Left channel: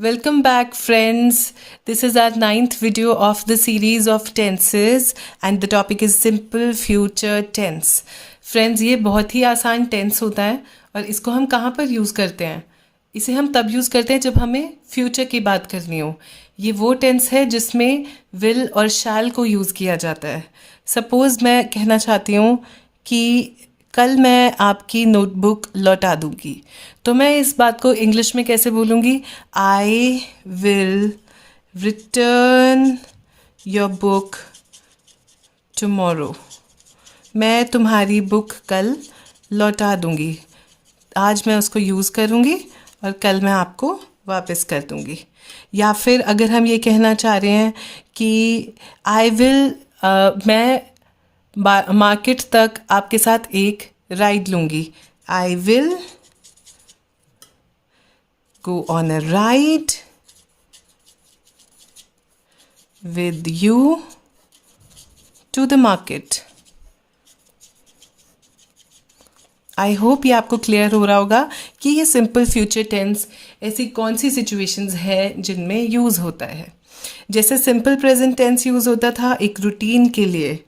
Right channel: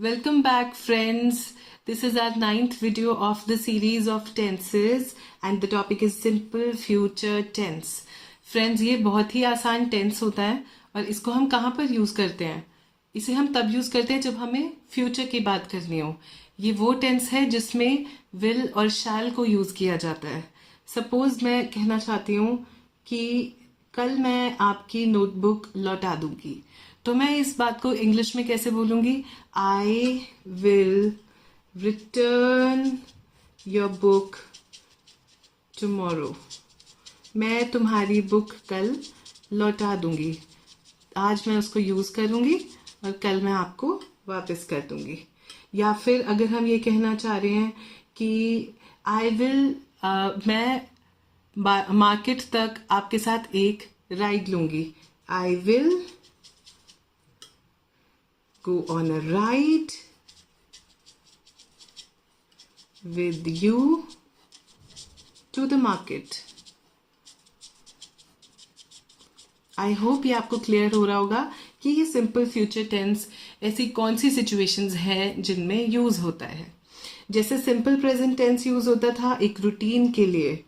Welcome back, friends. This is our ninth video of the series of tenses, and the topic is simple future tense. Friends, ये बहुत ही आसान tense होता है और इसको हम कहाँ पर यूज़ करते हैं? इसे हम तब यूज़ करते हैं जब हमें फ्यूचर की बात करनी हो. ये वो टेंस है जिसमें विल और शैल को यूज़ किया जाता है. सपोज़ मैं कहना चाहती हूँ कि कल मैं आपकी नोटबुक लौटा दूंगी, तो मैं इस बात को इंग्लिश में कैसे बोलूँगी? I will return your book tomorrow. मैं तुम्हारी बुक कल लौटा दूंगी. आज मैं उसको यूज़ करूँगी और कल मैं आपको वापस कर दूँगी. या फिर अगर हम ये कहना चाह रहे हैं कि आई विल मैं मार्केट तक आपके साथ एक राइड लूँगी. I will go on a ride with you to the market. I hope ये आपको क्लियर हो रहा होगा कि ये सिंपल फ्यूचर टेंस ऐसी कौन सी सिचुएशंस हैं जिनमें यूज़ होता है. जैसे सिंपल प्रेजेंट टेंस यूज़ होता था एक रूटीन के लिए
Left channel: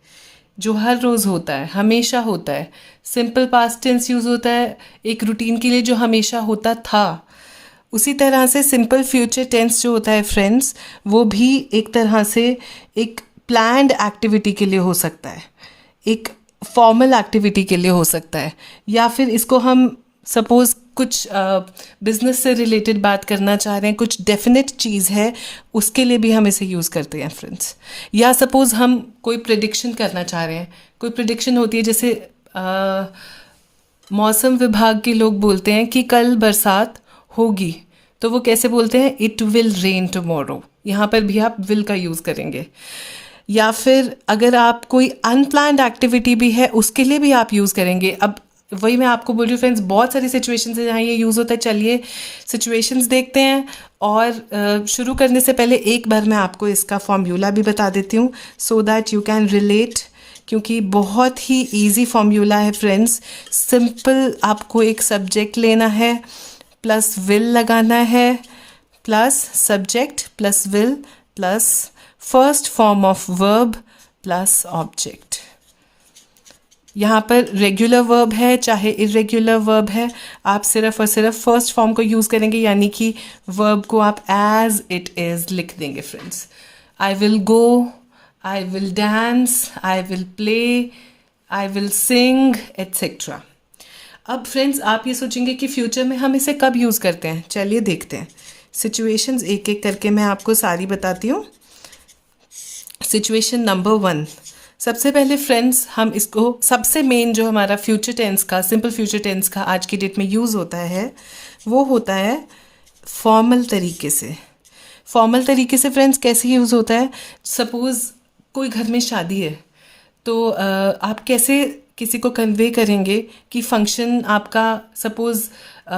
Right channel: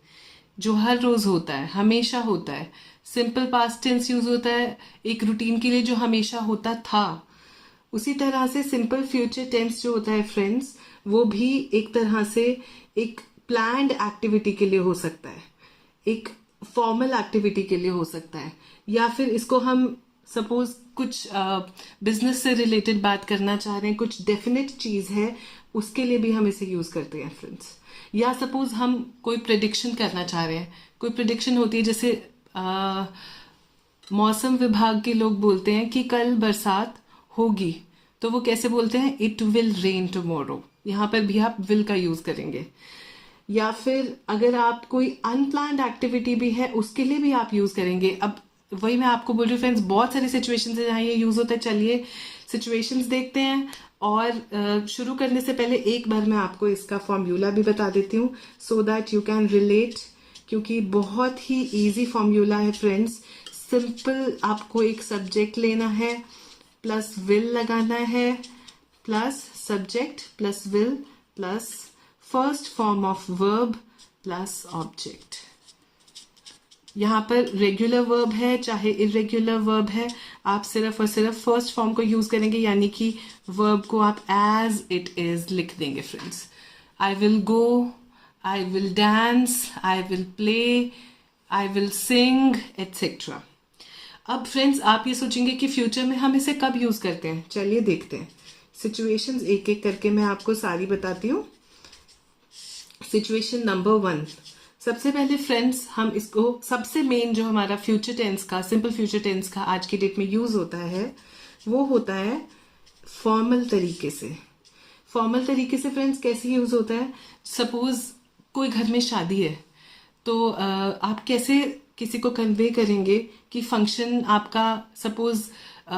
जो हर रोज़ होता है, हमेशा होता है. सिंपल पास्ट टेंस यूज़ होता है एक रूटीन के लिए जो हमेशा होता था. उसी तरह से सिंपल फ्यूचर टेंस जो होता है फ्रेंड्स, वो भी एक तरह से एक प्लान्ड एक्टिविटी के लिए हो सकता है, एक फॉर्मल एक्टिविटी के लिए हो सकता है, या फिर इसको हम सपोज़ कुछ बिजनेस से रिलेटेड बात करना चाह रहे हैं, कुछ डेफिनेट चीज़ है, उसके लिए भी हम इसे यूज़ करते हैं फ्रेंड्स. या सपोज़ हम कोई प्रेडिक्शन करना चाह रहे हैं, कोई प्रेडिक्शन होती है, जैसे मौसम विभाग के लोग बोलते हैं कि कल बरसात होगी, तो वो कैसे बोलते हैं? It will rain tomorrow. यहाँ पर भी आप विल का यूज़ करेंगे. या फिर अगर आप कोई अनप्लान्ड एक्टिविटी भी है उसके लिए भी आप यूज़ करेंगे. अब वही मैं आपको बोल रही हूँ फ्रेंड्स, बहुत सारी सिचुएशंस है जहाँ ये यूज़ होता है. चलिए सिचुएशंस देखते हैं, और शुरू करने से पहले एक बार मैं आपको इसका फॉर्मूला भी बता देती हूँ so that you can relate, क्योंकि बहुत ही ईजी फॉर्मूला है फ्रेंड्स. सिंपल आपको एक सब्जेक्ट लेना है, प्लस विल लगाना है, plus subject plus will plus first form of verb plus object. यहाँ पर रेगुलर वर्ब है चाहे इरेगुलर वर्ब है, आप सिर्फ और सिर्फ फर्स्ट फॉर्म को यूज़ करेंगे, यानी कि वर्ब को आप एज इट इज़ लिख देंगे friends. I will go, I will dance, I will play, I will sing, etcetera. अब फ्रेंड्स आप ये सोचेंगे कि फ्यूचर में हम इसे कब यूज़ करते हैं. चलिए देखते हैं. सिचुएशंस एक एक करके मैं आपको सारी बताती हूँ. Situation number 1. सबसे पहले फ्रेंड्स हम इसको, सबसे मेन जो हमारा फ्यूचर टेंस का, सिंपल फ्यूचर टेंस का आज की डेट में यूज़ होता है वो होता है फॉर्मल तरीके से. फॉर्मल तरीके से फ्रेंड्स कैसे यूज़ होता है? सपोज़ कोई घर में शादी है, तो आप कैसे किसी को कन्वे करेंगे कि फंक्शन आपका, सपोज़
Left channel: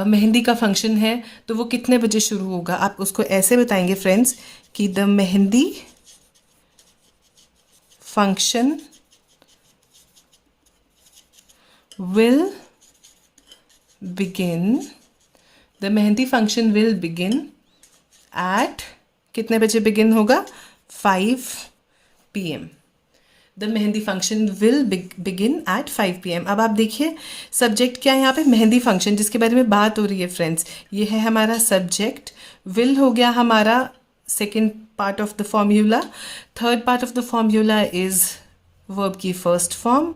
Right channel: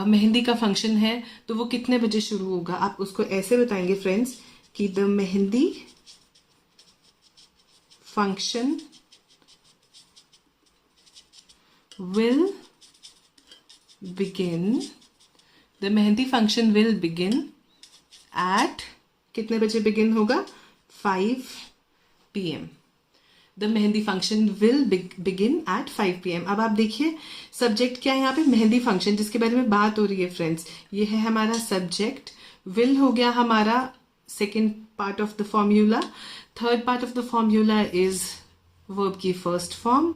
मेहंदी का फंक्शन है, तो वो कितने बजे शुरू होगा. आप उसको ऐसे बताएंगे फ्रेंड्स कि the mehndi function will begin, the mehndi function will begin eight, कितने बजे बिगिन होगा? 5 PM. The mehndi function will begin eight 5 PM. अब आप देखिए सब्जेक्ट क्या है यहाँ पे? मेहंदी फंक्शन, जिसके बारे में बात हो रही है फ्रेंड्स. ये है हमारा सब्जेक्ट. विल हो गया हमारा second part of the formula. Third part of the formula is verb की फर्स्ट फॉर्म,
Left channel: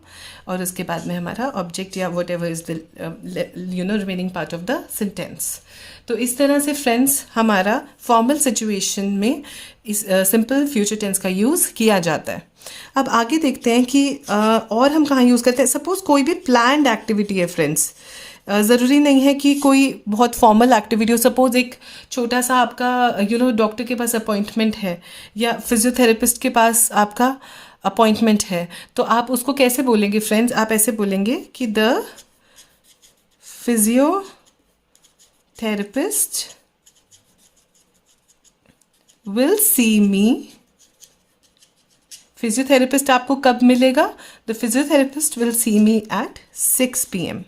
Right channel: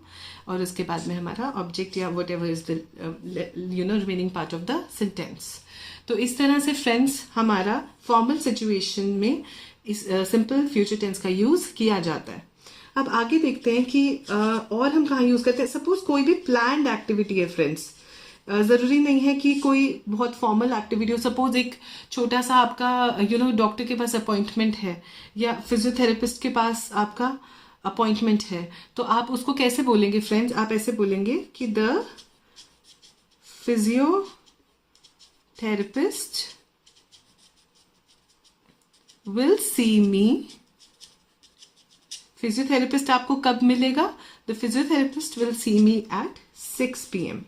और उसके बाद में हमारा ऑब्जेक्ट या what ever is the remaining part of the sentence. तो इस तरह से फ्रेंड्स हमारा फॉर्मल सिचुएशन में इस सिंपल फ्यूचर टेंस का यूज़ किया जाता है. अब आगे देखते हैं कि और हम कहाँ यूज़ करते हैं. सपोज़ कोई भी प्लान्ड एक्टिविटी है फ्रेंड्स, ज़रूरी नहीं है कि कोई बहुत फॉर्मल एक्टिविटी हो. सपोज़ एक छोटा सा आपका डॉक्टर के पास अपॉइंटमेंट है या फिजियोथेरेपिस्ट के पास आपका अपॉइंटमेंट है, तो आप उसको कैसे बोलेंगे फ्रेंड्स? आप ऐसे बोलेंगे कि the physiotherapist will see me. Physiotherapist आपको कब मिलेगा? The physiotherapist will see me at 6 PM.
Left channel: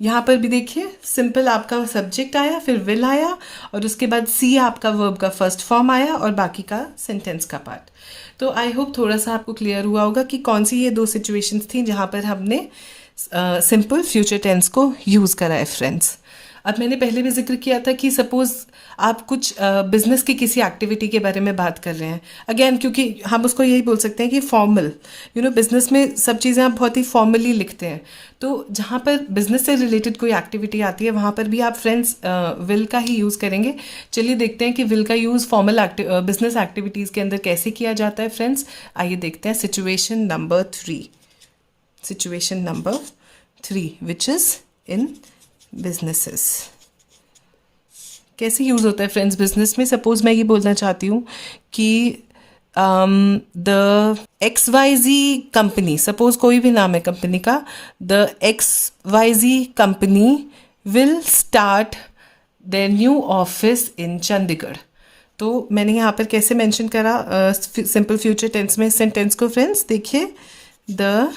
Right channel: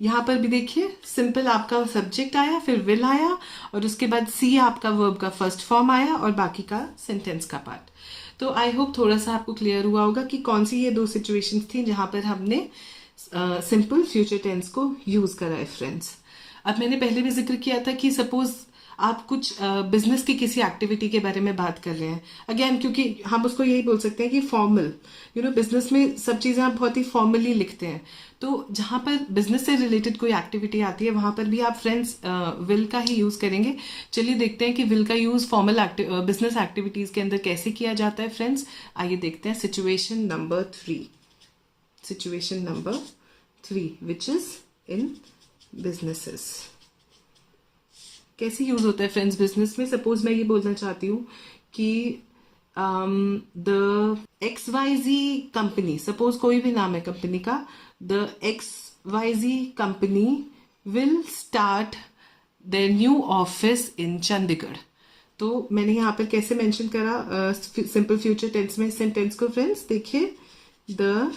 यहाँ पर भी देखिए सिंपल आपका सब्जेक्ट आया, फिर विल आया, और उसके बाद सी आपका वर्ब का फर्स्ट फॉर्म आया और बाकी का सेंटेंस का पार्ट। तो आई होप थोड़ा सा आपको क्लियर हुआ होगा कि कौन सी ये दो सिचुएशंस थी जहाँ पर हमने सिंपल फ्यूचर टेंस को यूज़ करा है फ्रेंड्स। अब मैंने पहले भी जिक्र किया था कि सपोज़ आप कुछ बिजनेस की किसी एक्टिविटी के बारे में बात कर रहे हैं, अगेन क्योंकि हम उसको यही बोल सकते हैं कि फॉर्मल, बिजनेस में सब चीज़ें आप बहुत ही फॉर्मली लिखते हैं। तो जहाँ पर बिजनेस से रिलेटेड कोई एक्टिविटी आती है वहाँ पर भी आप फ्रेंड्स विल का ही यूज़ करेंगे। चलिए देखते हैं कि विल का यूज़ फॉर्मल बिजनेस एक्टिविटीज़ के अंदर कैसे किया जाता है फ्रेंड्स। आइए देखते हैं situation number 3 which is in businesses. कैसे यूज़ होता है फ्रेंड्स बिजनेस में। सपोज मैं ये बोलना चाहती हूँ कि द XYZ कंपनी, सपोज कोई भी नाम है कंपनी का, the XYZ company will start their new office in Chandigarh. तो मैंने यहाँ पर कैसे मेंशन करा सिंपल फ्यूचर टेंस में सेंटेंस को फ्रेंड्स, देखिए the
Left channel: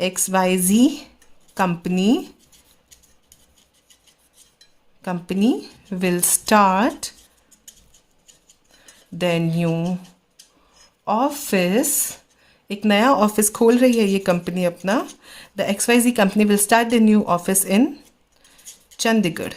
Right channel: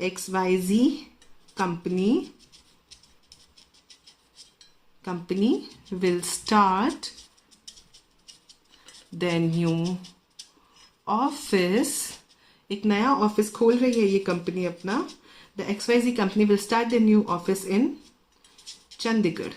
XYZ company will start their new office, एक नया ऑफिस खोल रही है ये कंपनी अपना। The XYZ company will start the new office in Chandigarh.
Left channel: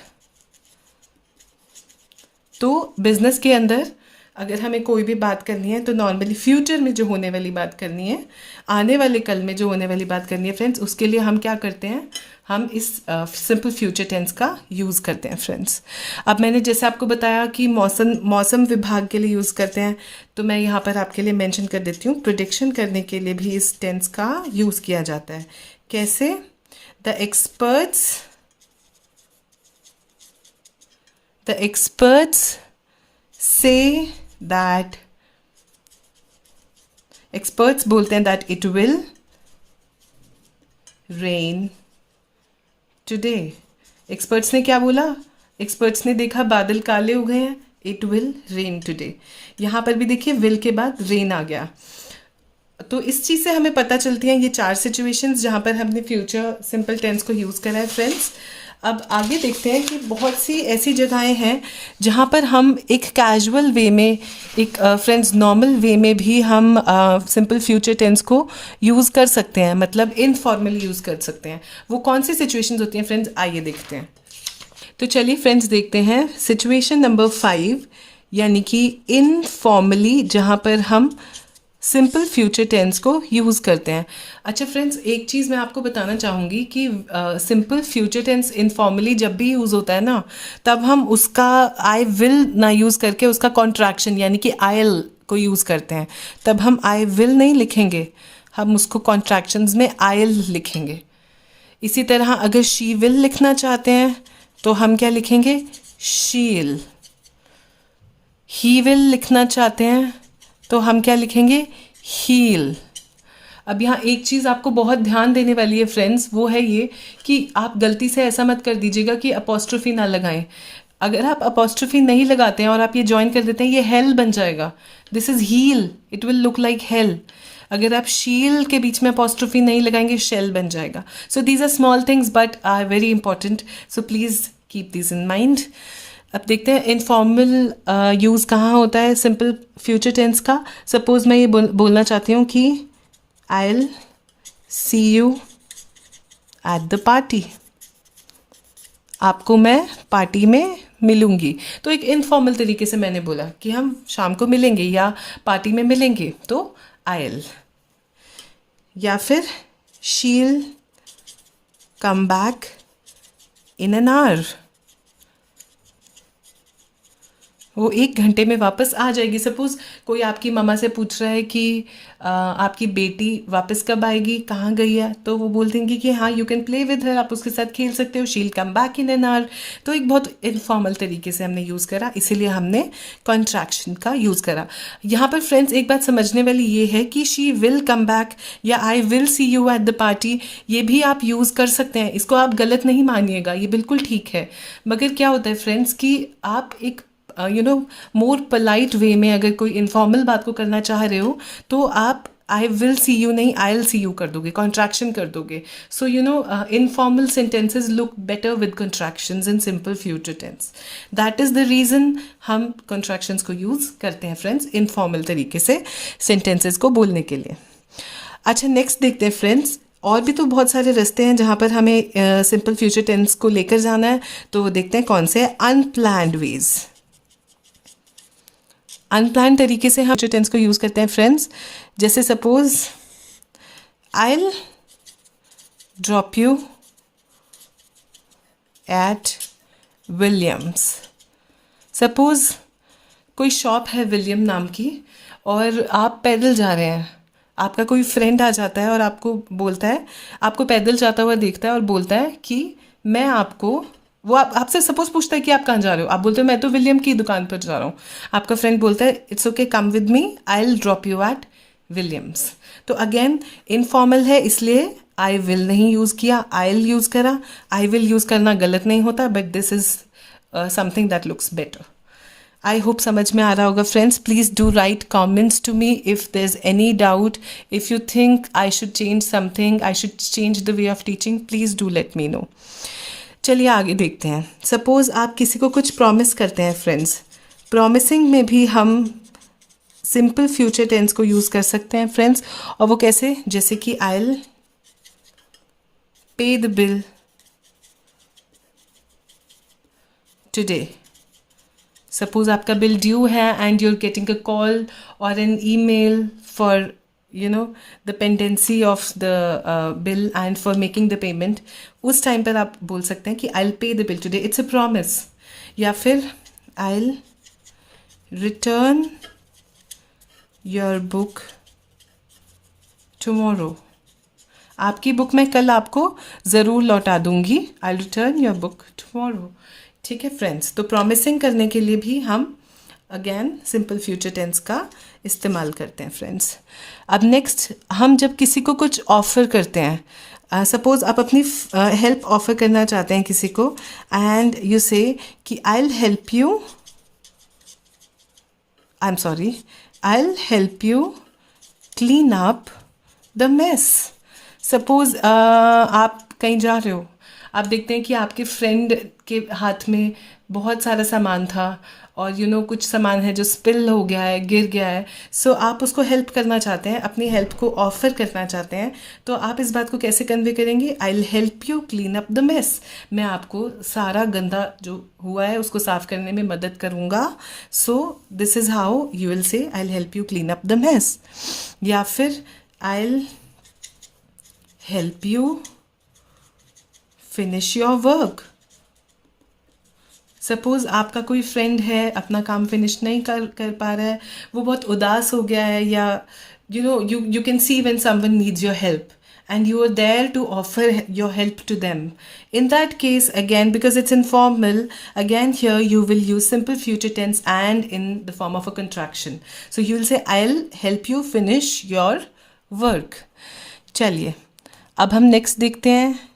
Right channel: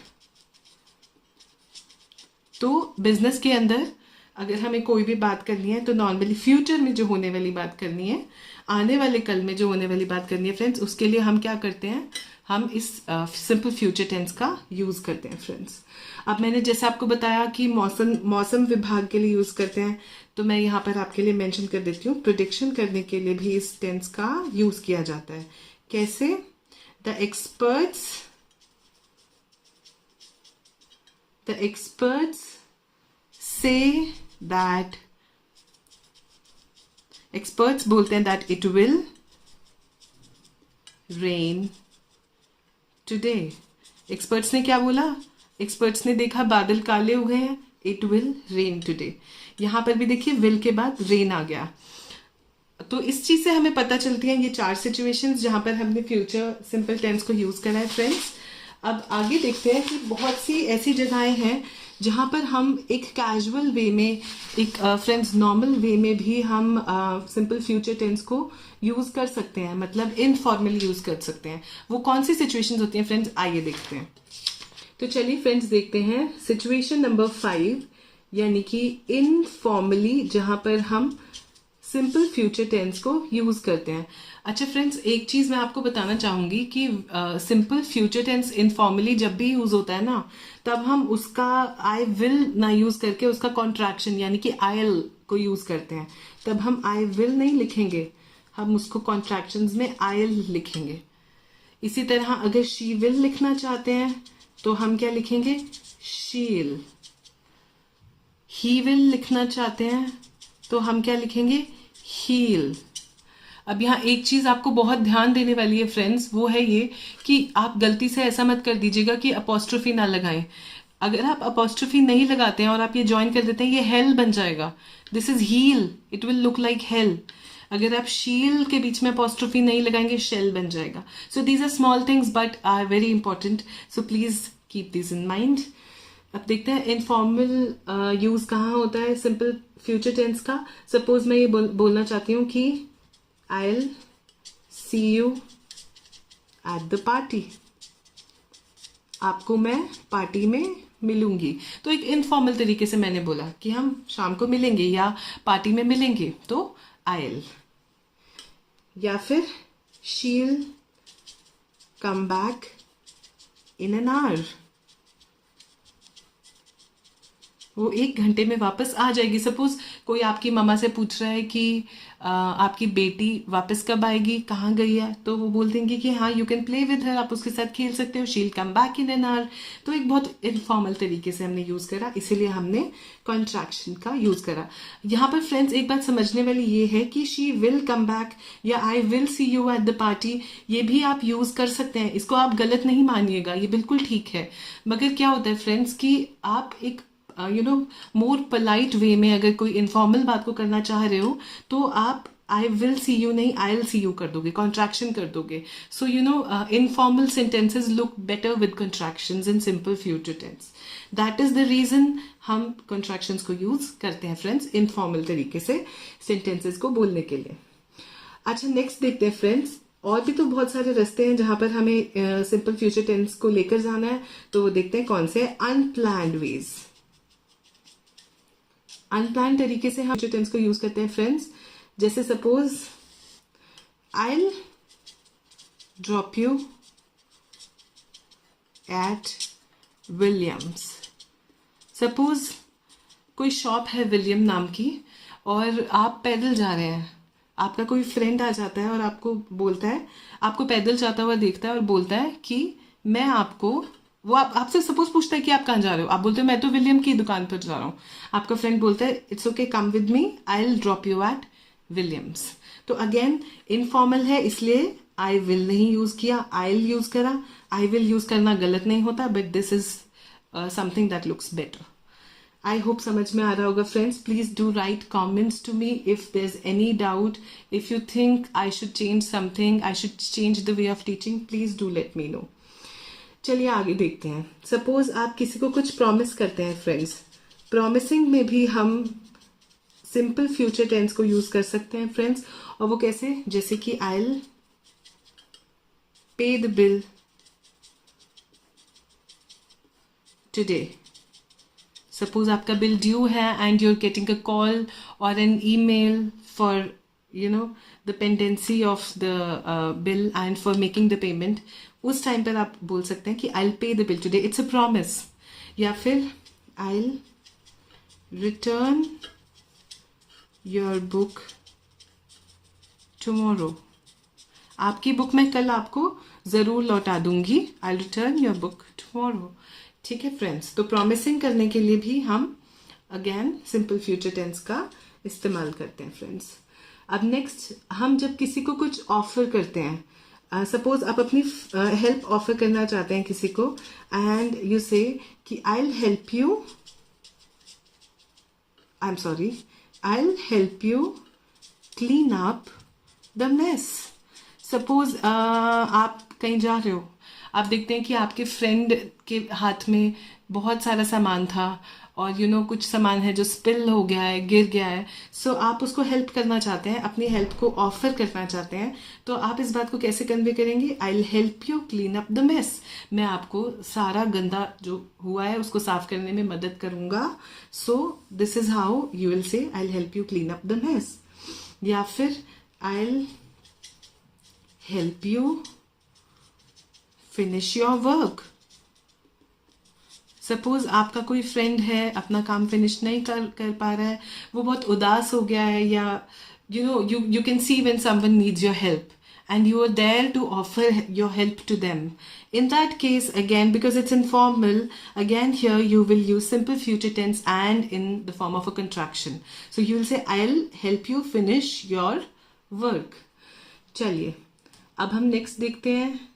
तो बिजनेस के अंदर अगर हमें कोई भी बात करनी है तो नॉर्मली फ्यूचर में जो होने वाली बात करनी है, आने वाले कल में जो होने वाली बात करनी है फ्रेंड्स, उसके लिए हम क्या करते हैं, हम इस सिंपल फ्यूचर टेंस का यूज़ करते हैं फ्रेंड्स। अब मैंने जैसे आपको बताया कि मौसम विभाग के लिए यूज़ करते हैं, तो मैं यहाँ पर आपके लिए मेंशन कर देती हूँ प्रेडिक्शन करने के लिए भी इस टेंस का यूज़ किया जाता है। कैसे? The experts say that, experts बोलते हैं that it will rain today. Experts ने क्या बोला? एक्सपर्ट्स ने देखा बादल काले हो गए हैं, इट विल रेन टुडे। यहाँ पर भी देखिए विल के बाद रेन आ गया। तो इस चीज़ से हमें पता चलती हैं ये 4 सिचुएशंस जहाँ पर हमने फ्यूचर सिंपल टेंस को यूज़ करा है फ्रेंड्स। अब आगे देखते हैं कि बहुत सी ऐसी जगहें हैं जहाँ पर हम एक कैजुअल वे में, एक फ्रेंड्स नॉर्मल वे में भी हम सिंपल फ्यूचर टेंस को यूज़ कर सकते हैं, मतलब इनफॉर्मली यूज़ कर सकते हैं। वो कौन सी सिचुएशंस होती हैं फ्रेंड्स, आइए देखते हैं। तो चलिए फ्रेंड्स देखते हैं सिचुएशन नंबर 5, यानी कि इनफॉर्मली जहाँ पर हम सिंपल फ्यूचर टेंस को यूज़ करते हैं। अच्छा फ्रेंड्स, एक चीज़ मैं आपको बताना चाहूँगी कि सिंपल फ्यूचर टेंस इनफॉर्मली जब भी यूज़ होता है ना, तब हम उसका आई विल ना यूज़ करके उसका कॉन्ट्रैक्शन यानी कि आयल को यूज़ करते हैं। तब हम आई विल नहीं लिखेंगे, हम उसको कॉन्ट्रैक्शंस में आयल लिखेंगे। इसी तरह अगर शी विल लिखना चाहते हैं तो हम क्या लिखेंगे, शील। ही विल लिखना चाहते हैं तो हम क्या लिखेंगे, हील। अब यहाँ एक चीज़ आपको बहुत ध्यान देने वाली है फ्रेंड्स, वो है ये कि आप गलती से ऐसा मत कर दीजिएगा कि अपोस्ट्रोफी ना लगाएं। अगर आप अपोस्ट्रोफी नहीं लगाते हैं और आप ये ज्वाइन कर देते हैं, ये हेल बन जाएगा। This is heel, it will look like hell. अगर आप शील के बीच में अपोस्ट्रोफी नहीं लगाएंगे, शेल बन जाएगा। So these are small things but are very important, so please keep this in mind. अब देखते हैं इनफॉर्मल यूज़ कहाँ होता है सिंपल फ्यूचर टेंस का। सपोज़ मैं ये बोलना चाहती हूँ कि I will see you at the party, आपको मैं पार्टी में मिलूंगी। तो एक इनफॉर्मल तरीके से मैंने बोला कि हम शाम को मिलेंगे या पार्टी में मिलेंगे, तो आई विल। या फिर शील come back in an hour, वो 1 घंटे में वापस आ जाएगी। सपोज़ कोई आपकी मम्मा से पूछ रहा है कि आपकी बेटी वापस कब आएगी, कहाँ गई है, तो वो बोल देंगी कि हाँ you can play with her, आप उसके साथ खेल सकते हो, शील come back in an hour. तो एक बहुत इनफॉर्मल तरीके से हमने यूज़ करा, इसीलिए हमने कॉन्ट्रैक्शन का यूज़ करा। यहाँ पर फ्रेंड्स एक बात समझने वाली ये है कि शी विल कम बैक या आई will see you at the party, ये भी आप यूज़ कर सकते हैं। इसको आप गलत नहीं मानिएगा, ये बिल्कुल ठीक है। मगर क्या होता है फ्रेंड्स कि आप एक मोर पोलाइट वे में अगर कोई इनफॉर्मल बात को करना चाह रहे हो तो आप आई विल सी यू नहीं, आई विल सी यू कर दोगे, कॉन्ट्रैक्शन कर दोगे. So you know informal sentences look better with contractions in simple future tense. That is the reason हम कॉन्ट्रैक्शंस को यूज़ करते हैं फ्रेंड्स इनफॉर्मल तरीके से सेंटेंसेज को बोलने के लिए. अच्छा, नेक्स्ट देखते हैं फ्रेंड्स. और भी तो बहुत सारे रास्ते हैं जहाँ पर हमें सिंपल फ्यूचर टेंस को लेकर जाना है. तो वो देखते हैं कौन से हैं. Unplanned veg. अनप्लान तरीके से हम फ्यूचर टेंस को यूज़ करते हैं फ्रेंड्स. जैसे suppose I will drop you at Williams. Suppose कोई शॉप है विलियम नाम की और आप पैदल जा रहे हैं. आपका कोई फ्रेंड आ जाता है और आपको बोलता है, आपको पैदल जाता हुआ देखता है और बोलता है कि मैं आपको, वो आपसे सपोज पूछता है कि आप कहाँ जा रहे हो. आप बोलते हो मैं तो विलियम की दुकान पर जा रहा हूँ. आपका फ्रेंड बोलता है it's okay, come with me, I will drop you at Williams. तो अगेन इनफॉर्मल है इसलिए आई विल नहीं यूज़ किया, आई विल यूज़ करा. आई विल यूज़ करना गलत नहीं होता, but this is something that looks better. I hope समझ में आ रहा होगा friends. Please do write comments to me if there is any doubt. If you think I should change something, I should change the way of teaching, please do let me know. चलिए आगे देखते हैं. Suppose आप किसी को कुछ promise करते हैं फ्रेंड्स. प्रॉमिसिंग में भी हम सिंपल फ्यूचर टेंस को यूज़ कर सकते हैं फ्रेंड्स. और वो कैसे? जैसे कि I will pay the bill today. Suppose आपका बिल ड्यू है and you are getting a call और an email for the pendency of the bill and for making the payment. उस टाइम पर आप बोल सकते हैं कि I'll pay the bill today. It's a promise. या फिर I'll return your book tomorrow. आपकी बुक मैं कल आपको ज़रूर लौटा दूंगी. I'll return your book tomorrow. ठीक है फ्रेंड्स. तो प्रॉमिसिंग करने के लिए भी हम अगेन सिंपल फ्यूचर टेंस का इस्तेमाल करते हैं फ्रेंड्स. अब नेक्स्ट, हम जब किसी को कुछ ऑफ़र करते हैं, सपोज़ आप अपनी हेल्प ऑफ़र करना चाहते हैं किसी को एंड यू से कि I will help you, I am sorry, I will help you clean up the mess. Suppose आप कहीं जा रहे हो, आप देखते हैं कि आपके फ्रेंड के हाथ में बहुत सारा सामान था और कुछ सामान है जो स्पिल हो गया है, गिर गया है. सो आप उसको हेल्प करना चाहते हैं, अपनी हेल्प को ऑफर करना चाहते हैं. तो आप इस बात को कैसे कन्वे करेंगे? I will help you clean up the mess. मैं आपको सारा गंदा जो हुआ है उसको साफ करने में मदद करूँगा. So this is how you will say I will help you clean up the mess. या फिर I will help you finish your work. Suppose आपका कोई फ्रेंड है, अपना काम फिनिश नहीं कर पा रहा है, वो बहुत उदास हो गया है, या you can see when someone needs your help and you are there to offer your help to them. In that case, again, because it's informal, again here you will use simple future tense and in the form of a contraction. So you will say I'll help you finish your work. चलिए अब हम next देखते हैं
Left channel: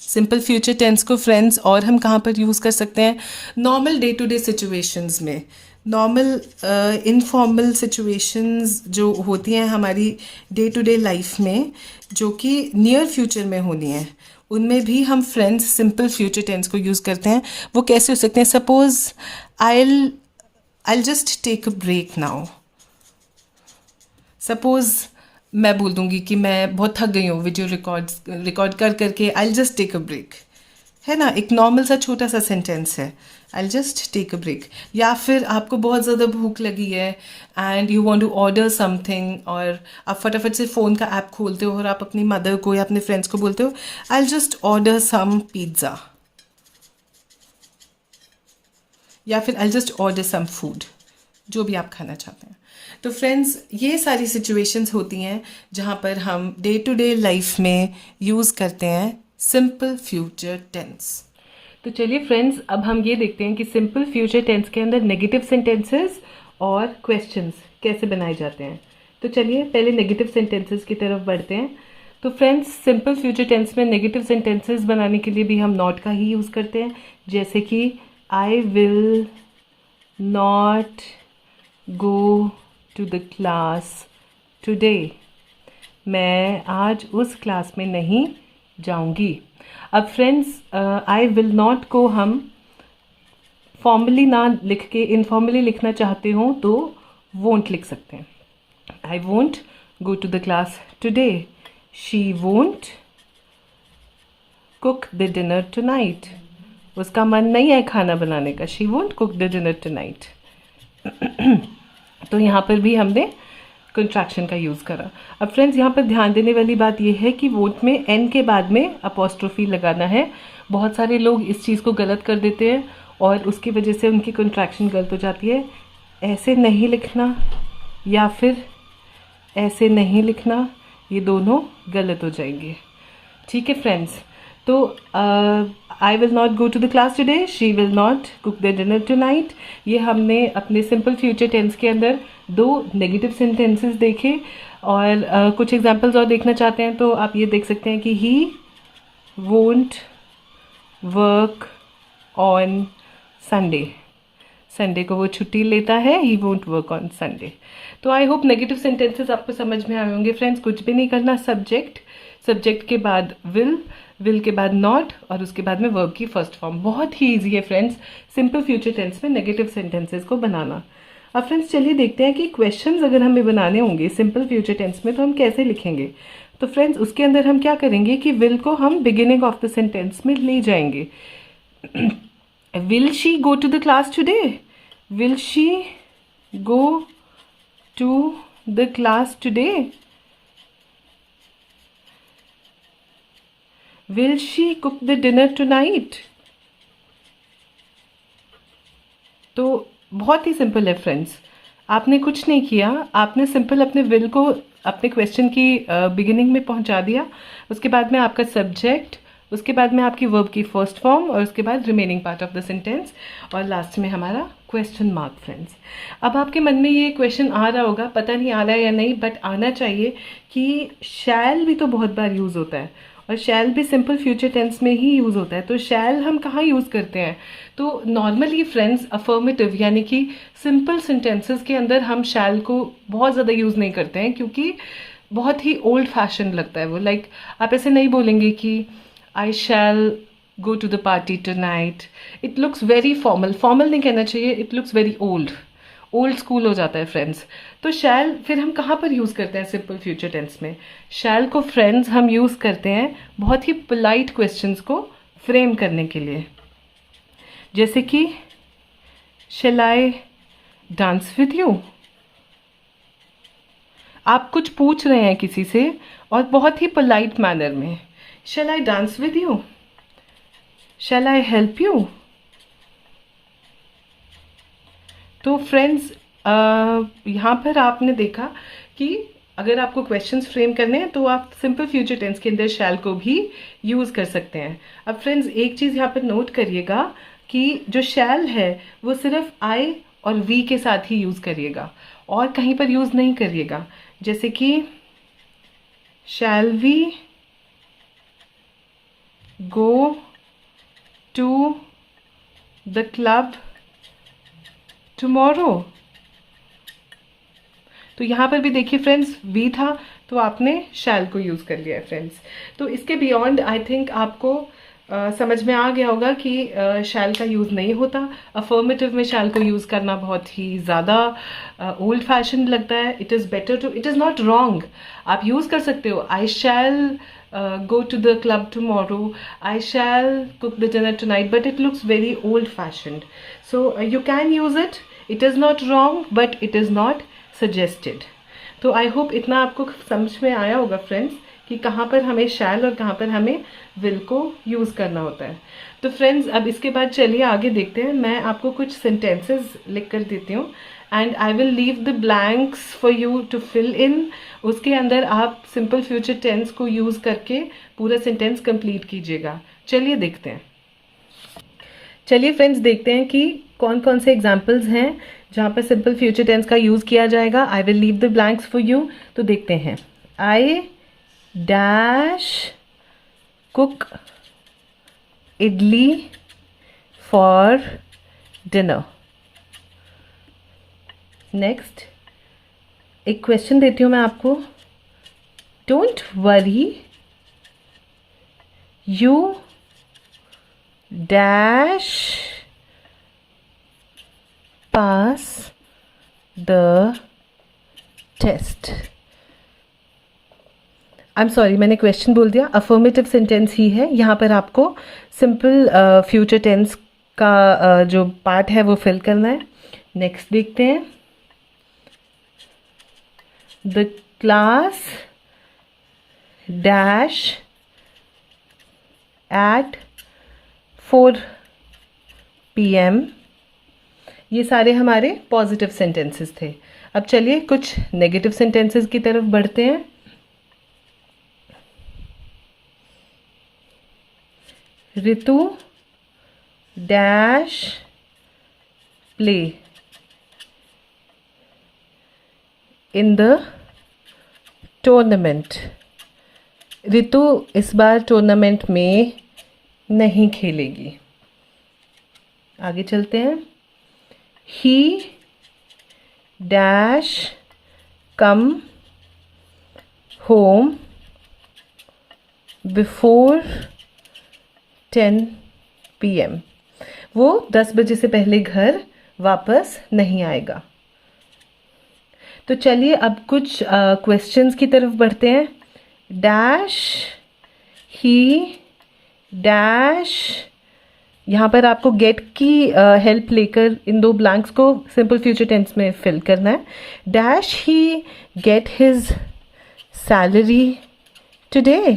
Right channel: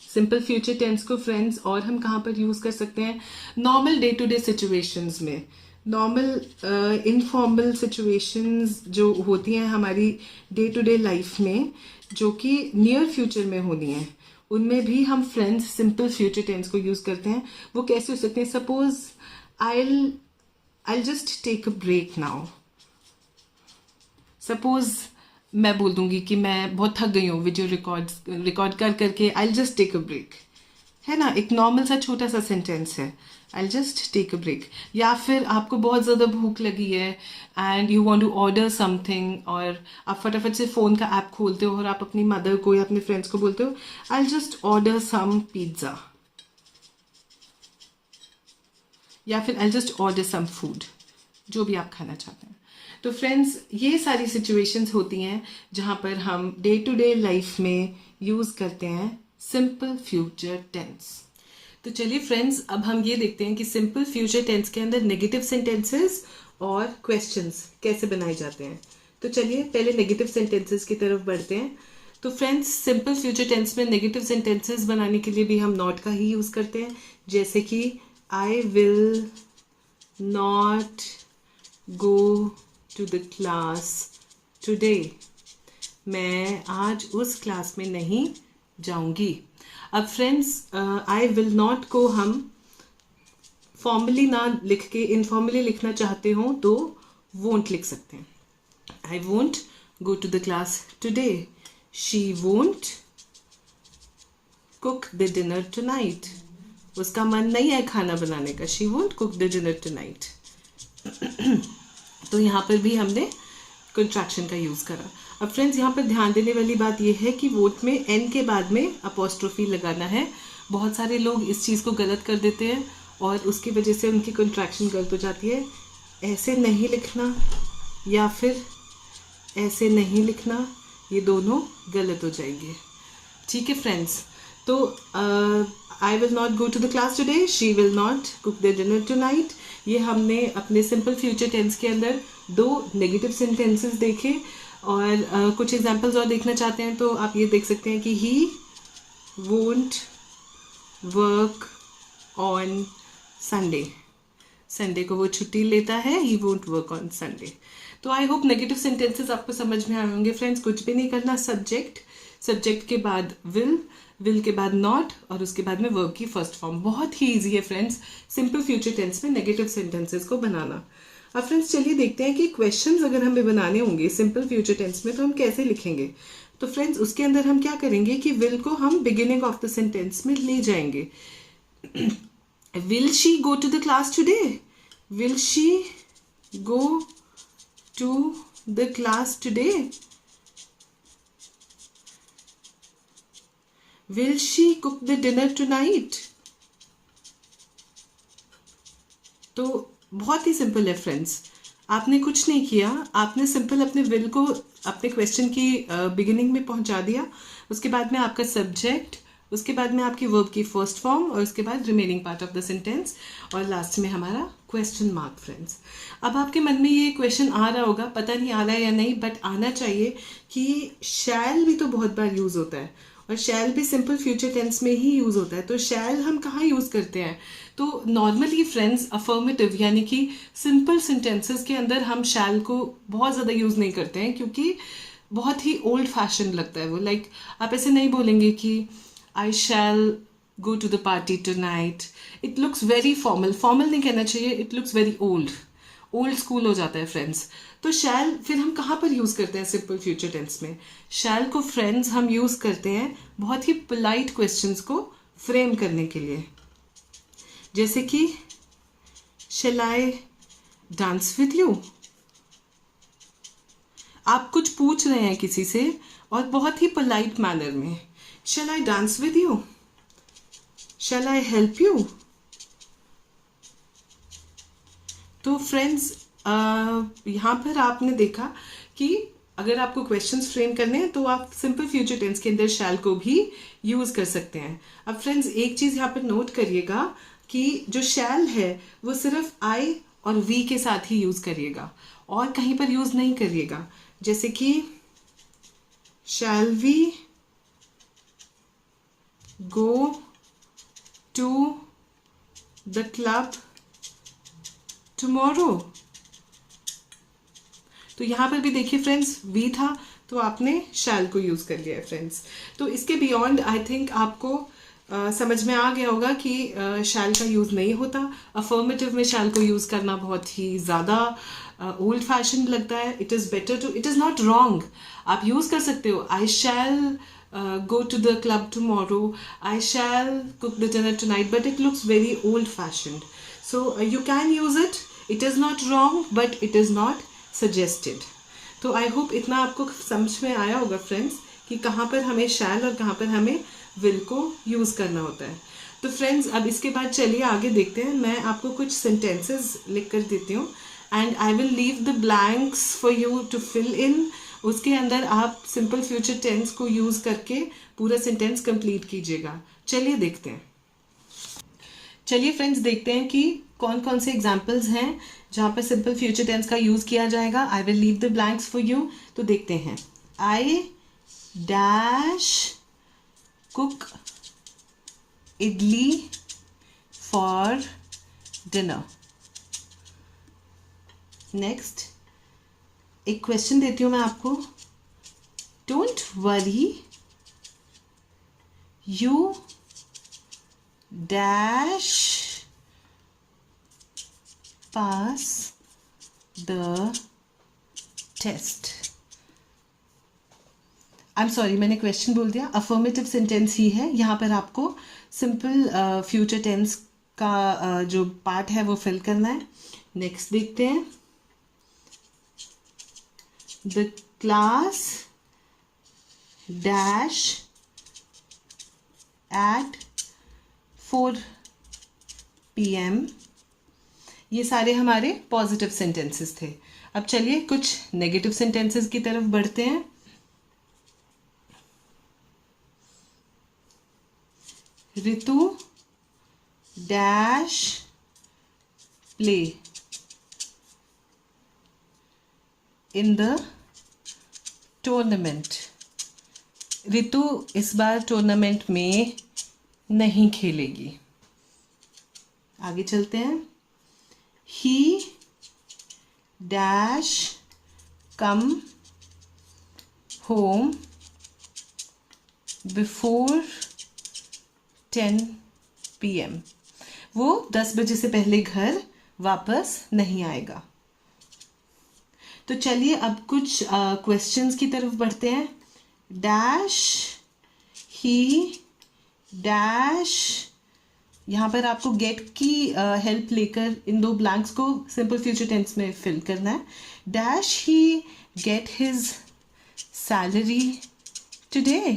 simple future tense को friends. और हम कहाँ पर यूज़ कर सकते हैं? Normal day to day situations में. नॉर्मल इनफॉर्मल सिचुएशंस जो होती हैं हमारी डे टू डे लाइफ में, जो कि नियर फ्यूचर में होनी है, उनमें भी हम फ्रेंड्स सिंपल फ्यूचर टेंस को यूज़ करते हैं. वो कैसे हो सकते हैं? Suppose I just take a break now. Suppose मैं बोल दूंगी कि मैं बहुत थक गई हूँ वीडियो रिकॉर्ड कर करके. I just take a break, है ना, एक नॉर्मल सा छोटा सा सेंटेंस है, I just take a break. या फिर आपको बहुत ज़्यादा भूख लगी है and you want to order something, और आप फटाफट से फ़ोन का ऐप खोलते हो और आप अपनी मदर को या अपने फ्रेंड्स को बोलते हो I just order some pizza, या फिर I just order some food, जो भी आप खाना चाहते हैं. तो फ्रेंड्स ये सारी सिचुएशंस होती हैं जहाँ पर हम डे टू डे लाइफ में यूज़ करते हैं सिंपल फ्यूचर टेंस. तो चलिए फ्रेंड्स अब हम ये देखते हैं कि सिंपल फ्यूचर टेंस के अंदर नेगेटिव सेंटेंसेस और क्वेश्चंस कैसे बनाए जाते हैं. तो चलिए पहले नेगेटिव सेंटेंसेस की तरफ बढ़ते हैं. तो फ्रेंड्स सिंपल फ्यूचर टेंस में नेगेटिव सेंटेंसेस बनाने के लिए भी हम नॉट का ही यूज़ करते हैं. जैसे कि I will not go to the class today, मैं आज उस क्लास में नहीं जाऊंगी। अब फ्रेंड्स, आई विल नॉट को हम फॉर्मली ना लिख के इनफॉर्मली लिखना चाहते हो तो वोंट लिख सकते हैं। I won't go to the class today, she won't cook the dinner tonight, उसका मन नहीं है खाना बनाने का, she won't cook the dinner tonight. तो यहाँ पर भी हमने कंट्रैक्शन का यूज़ करा। अब फ्रेंड्स, यहाँ पर ध्यान देने वाली बात यह है कि वोट में एन के बाद में अपोस्ट्रोफी लगाना है। बहुत सारे लोग इस चीज़ को गलत कर देते हैं और उसकी वजह से उनकी कंट्रैक्शन गलत हो जाती है। ऐसे नहीं लिखना या फिर ऐसे नहीं लिखना, ये दोनों गलत हो जाएंगे। ठीक है फ्रेंड्स, तो I will not go to the class today, she will not cook the dinner tonight, ये हमने अपने सिंपल फ्यूचर टेंस के अंदर दो नेगेटिव सेंटेंसेस देखे। और कुछ एग्जांपल्स और देखना चाहते हैं तो आप ये देख सकते हैं कि he won't work on Sunday, Sunday को वो छुट्टी लेता है, he won't work on Sunday. तो आई होप नेगेटिव सेंटेंसेस आपको समझ में आए होंगे फ्रेंड्स। कुछ भी नहीं करना, सब्जेक्ट, सब्जेक्ट के बाद विल, विल के बाद नॉट और उसके बाद में वर्ब की फर्स्ट फॉर्म। बहुत ही ईजी है फ्रेंड्स सिंपल फ्यूचर टेंस में नेगेटिव सेंटेंसेस को बनाना। अब फ्रेंड्स चलिए देखते हैं कि क्वेश्चंस अगर हमें बनाने होंगे सिंपल फ्यूचर टेंस में तो हम कैसे लिखेंगे। तो फ्रेंड्स उसके अंदर हम क्या करेंगे कि विल को हम बिगिनिंग ऑफ द सेंटेंस में ले जाएंगे। Will she go to the class today, will she go to the class today, will she cook the dinner tonight. तो बहुत ही सिंपल है फ्रेंड्स, आपने कुछ नहीं किया, आपने सिंपल अपने विल को अपने क्वेश्चन की बिगिनिंग में पहुंचा दिया, उसके बाद में आपका सब्जेक्ट, उसके बाद में आपकी वर्ब की फर्स्ट फॉर्म और उसके बाद remaining part of the sentence और लास्ट में हमारा क्वेश्चन मार्क। फ्रेंड्स अब आपके मन में ये क्वेश्चन आ रहा होगा, पता नहीं आ रहा है या नहीं, बट आना चाहिए कि शैल भी तो बहुत बार यूज़ होता है और शैल भी सिंपल फ्यूचर टेंस में ही यूज़ होता है। तो शैल हम कहाँ यूज़ करते हैं? तो नॉर्मली फ्रेंड्स अफर्मेटिव यानी कि सिंपल सेंटेंसेस के अंदर हम शैल को बहुत ज़्यादा यूज़ नहीं करते हैं क्योंकि बहुत ही ओल्ड फैशन लगता है वो। लाइक आप ऐसे नहीं बोलेंगे कि I shall go to the party tonight, it looks very formal, formal नहीं कहना चाहिए, it looks very old, old school हो जाता है फ्रेंड्स। तो शैल फिर हम कहाँ पर यूज़ करते हैं सिंपल फ्यूचर टेंस में? शैल को फ्रेंड्स हम यूज़ करते हैं बहुत ही पोलाइट क्वेश्चंस को फ्रेम करने के लिए, जैसे कि शैल आई डांस विद यू। आप कुछ पूछ रहे हैं किसी से और बहुत ही पोलाइट मैनर में, shall I dance with you, shall I help you. तो फ्रेंड्स यहाँ पर आपने देखा कि अगर आपको क्वेश्चंस फ्रेम करने हैं तो आप सिंपल फ्यूचर टेंस के अंदर शैल को भी यूज़ कर सकते हैं। अब फ्रेंड्स एक चीज़ यहाँ पर नोट करिएगा कि जो शैल है वो सिर्फ आई और वी के साथ ही यूज़ करिएगा और कहीं पर यूज़ नहीं करिएगा। जैसे कि shall we go to the club tomorrow. तो यहाँ पर भी देखिए फ्रेंड्स वी था तो आपने शैल को यूज़ कर लिया है फ्रेंड्स। तो इसके बियॉन्ड आई थिंक आपको समझ में आ गया होगा कि शैल का यूज़ नहीं होता। अफर्मेटिव में शैल को यूज़ करना बहुत ही ज़्यादा ओल्ड फैशन लगता है। It is better to, it is not wrong, आप यूज़ कर सकते हो। आई शैल go to the club tomorrow, I shall cook the dinner tonight, but it looks very old fashioned. So you can use it, it is not wrong but it is not suggested. तो I hope इतना आपको समझ में आया होगा friends कि कहाँ पर हमें शैल और कहाँ पर हमें विल को यूज़ करना होता है। तो फ्रेंड्स अब इसके बाद चलिए आगे देखते हैं। मैं आपको कुछ सेंटेंसेस लिख कर देती हूँ and I will leave the blanks for you to fill in. उसके अंदर आप सिंपल फ्यूचर टेंस को यूज़ करके पूरा सेंटेंस कंप्लीट कीजिएगा। चलिए देखते हैं। चलिए फ्रेंड्स देखते हैं कि कौन कौन से एग्जाम्पल्स हैं जहाँ पर सिंपल फ्यूचर टेंस का यूज़ किया जाएगा। I will leave the blanks for you. तो देखते हैं। I dash cook idli for dinner. Next, एक क्वेश्चन देती हूँ मैं आपको. Don't worry, you dash pass the test. I am sorry, मैंने क्वेश्चन बोल दिया. अफर्मेटिव सेंटेंस ही है. यहाँ पर आपको सिंपल फ्यूचर टेंस का जो पार्ट है वो फिल करना है. नेक्स्ट देखते हैं. The class dash at 4 PM. ये सारे हमारे पॉजिटिव सेंटेंसेस थे. अब चलिए कुछ नेगेटिव सेंटेंसेस की तरफ बढ़ते हैं. Ritu dash play in the tournament. Ritu इस बार टूर्नामेंट में नहीं खेलेगी. आगे चलते हैं. ही dash come home before 10 PM. वो 10 बजे से पहले घर वापस नहीं आएगा. तो चलिए अब कुछ क्वेश्चंस की तरफ बढ़ते हैं. डैश ही डैश. यहाँ पर आपको गेट की हेल्प लेकर इन 2 ब्लैंक्स को सिंपल फ्यूचर टेंस में फिल करना है. डैश ही गेट हिज सैलरी टुडे.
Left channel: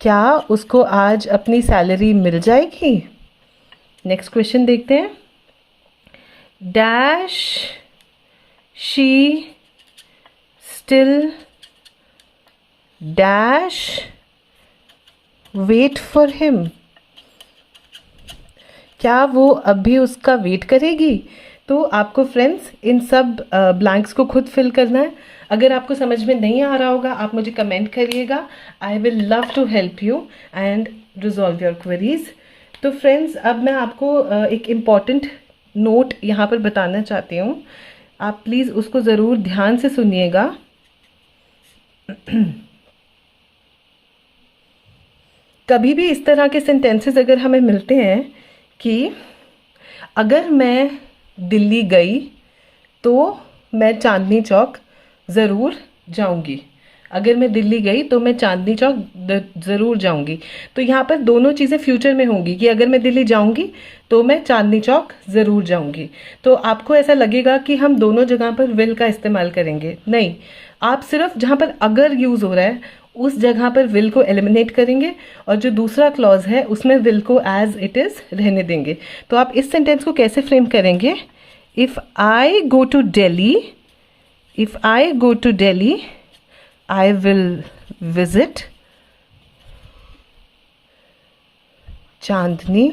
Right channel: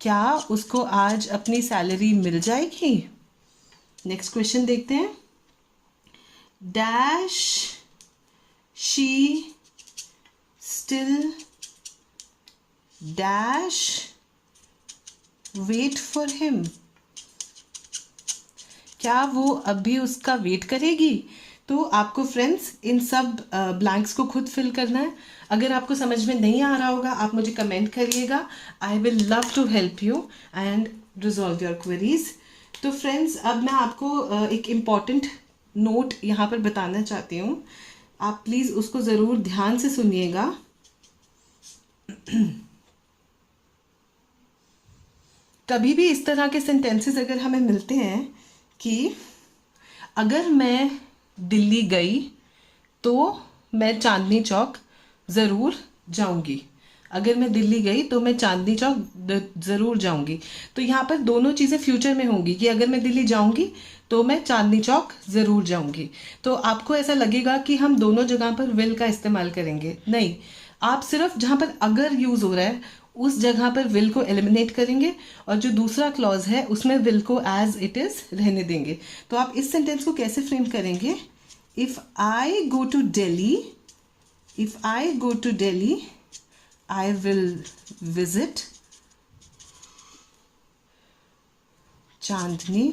क्या उसको आज अपनी सैलरी मिल जाएगी. नेक्स्ट क्वेश्चन देखते हैं. Dash she still dash wait for him. क्या वो अब भी उसका वेट करेगी. तो आपको फ्रेंड्स इन सब ब्लैंक्स को खुद फिल करना है. अगर आपको समझ में नहीं आ रहा होगा आप मुझे कमेंट करिएगा. I will love to help you and resolve your queries. तो फ्रेंड्स अब मैं आपको एक इम्पॉर्टेंट नोट यहाँ पर बताना चाहती हूँ. आप प्लीज़ उसको ज़रूर ध्यान से सुनिएगा. कभी भी इस तरह के सेंटेंसेस अगर हमें मिलते हैं कि अगर मैं दिल्ली गई तो मैं चांदनी चौक ज़रूर जाऊंगी. अगर मैं दिल्ली गई तो मैं चांदनी चौक ज़रूर जाऊंगी. तो यहाँ पर दोनों चीज़ें फ्यूचर में होंगी कि अगर मैं दिल्ली जाऊंगी तो मैं चांदनी चौक ज़रूर जाऊंगी. तो आपको ऐसा लगेगा कि हम दोनों जगह पर विल का इस्तेमाल करेंगे. नहीं, आप सिर्फ जहाँ पर अगर यूज़ हो रहा है उस जगह पर विल को एलिमिनेट करेंगे और जो दूसरा क्लॉज है उसमें विल को एज इट इज़ रहने देंगे. तो आप इस सेंटेंस को कैसे फ्रेम करेंगे. If I go to Delhi, if I go to Delhi, I will visit Chandni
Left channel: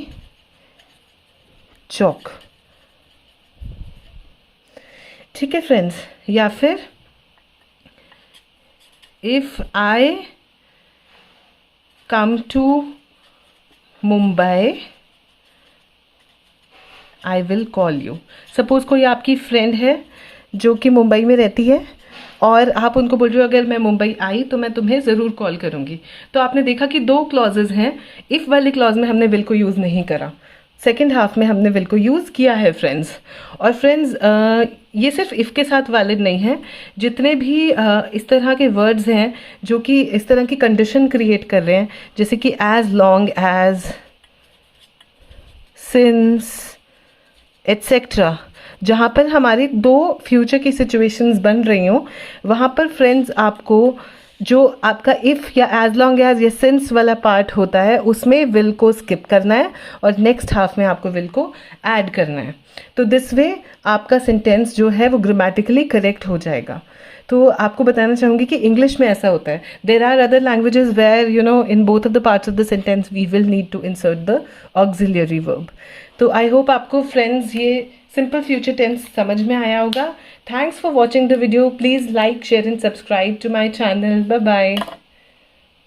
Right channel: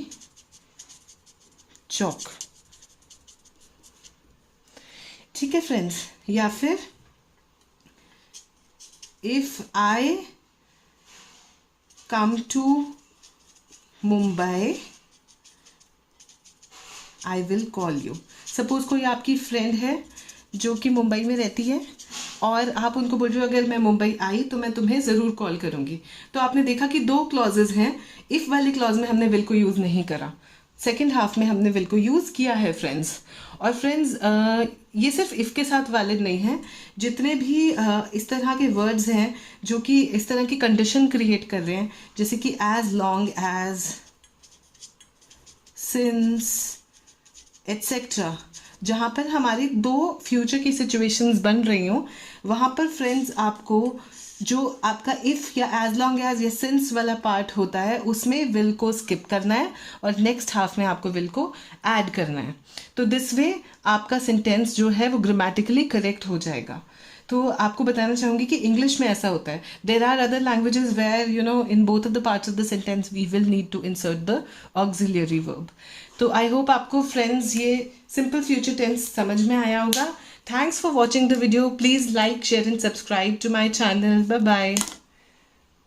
Chowk. ठीक है फ्रेंड्स. या फिर if I come to Mumbai, I will call you. Suppose कोई आपकी फ्रेंड है जो कि मुंबई में रहती है और आप उनको बोल रहे हो अगर मैं मुंबई आई तो मैं तुम्हें ज़रूर कॉल करूँगी. तो आपने देखा कि 2 क्लॉजेज हैं. इफ़ वाली क्लॉज में हमने विल को यूज़ नहीं करा. सेकंड हाफ में हमने विल को यूज़ किया है फ्रेंड्स. और फ्रेंड्स ये सिर्फ इफ़ के साथ वैलिड नहीं है. जितने भी इस तरह के वर्ड्स हैं जो कि इस तरह की कंडीशन क्रिएट कर रहे हैं जैसे कि as long as, since etcetera, जहाँ पर हमारी 2 फ्यूचर की सिचुएशंस बन रही हों वहाँ पर फ्रेंड्स आपको जो आपका इफ़ या एज लॉन्ग एज या सिंस वाला पार्ट होता है उसमें विल को स्किप करना है और नेक्स्ट हाफ में आपको विल को ऐड करना है. तो दिस वे आपका सेंटेंस जो है वो ग्रामेटिकली करेक्ट हो जाएगा. तो आपको बताना चाहूँगी कि इंग्लिश में ऐसा होता है. There are other languages where in both of the parts of the sentence we will need to insert the auxiliary verb. तो आई होप आपको फ्रेंड्स ये सिंपल फ्यूचर टेंस समझ में आया होगा. Thanks for watching the video. Please like, share and subscribe to my channel. Bye bye.